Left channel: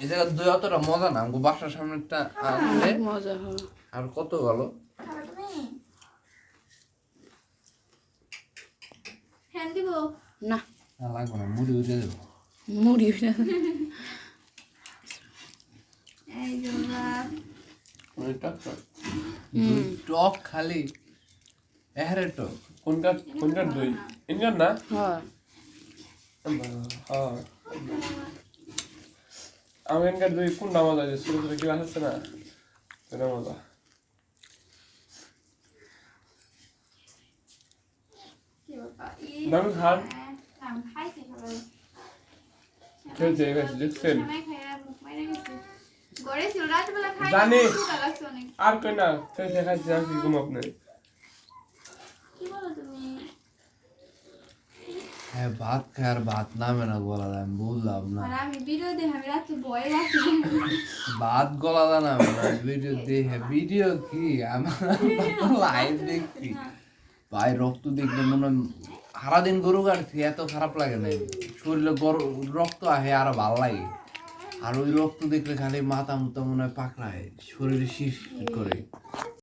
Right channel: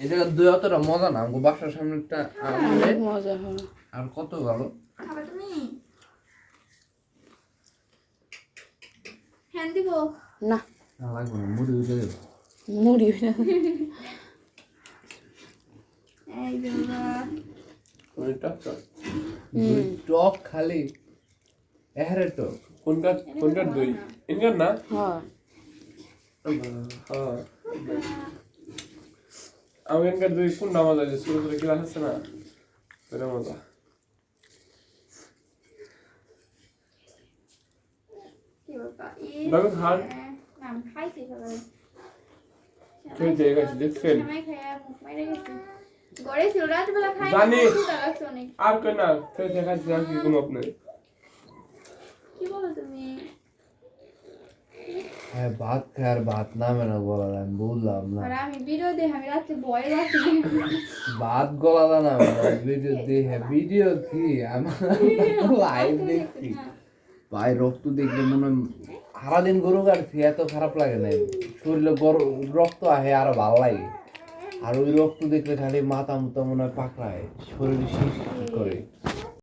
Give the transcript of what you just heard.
এই জায়গার দই অতটা মজা না, আমাকে বাসার সামনেটা অনেক মজা হয়। আর কত ভালো। খাবে তুমি? হ্যাঁ দিব। না না লাগবে না, মুড়ি উঠে দেবো। মুড়ি এই যে বাবা। অনেক টক টক। দই টক খালি এহারে টক। কোনটার দই ইন্ডিয়ান না? হ্যাঁ হ্যাঁ আমেরিকার দই কোন নাম আছে ছোট ছোট গ্লাস আছে না ওটা মজা। কি বাবা? বাবু খান। না খাইছি সবাই। খেলতে গেছে দেখছেন? সময় খাই আর মুখ মাইরে গেছি। গড়ে ছিল রাতবেলা খাই। জানি। ক্ষুধা লাগছে অনেক। আর কই না খেলতে খাইছে আর কি ঘুম আপনি। কি বলো তুমি? হ্যাঁ ভাত খায় আর ভাত নামে না গলা দেয়, আমি বললাম না। আর আমি ভিডিও দেখে আমি রাত্রে ভয় পাচ্ছি। ভাত গলা দেয় না, ভিডিও দেখে। ভিডিও কি আমার লাইভ দেখছি ভাই, রক্ত দেখলে মনে হয় সারাদিন গরু কাটছি এত খারাপ লাগে না, শরীরে রক্ত আহে আর ভালো লাগে। আর ওই রক্ত দেখলে খালি মাথা মুথা মনে হয় পাকড়ায়, শরীরে শিরশির করে।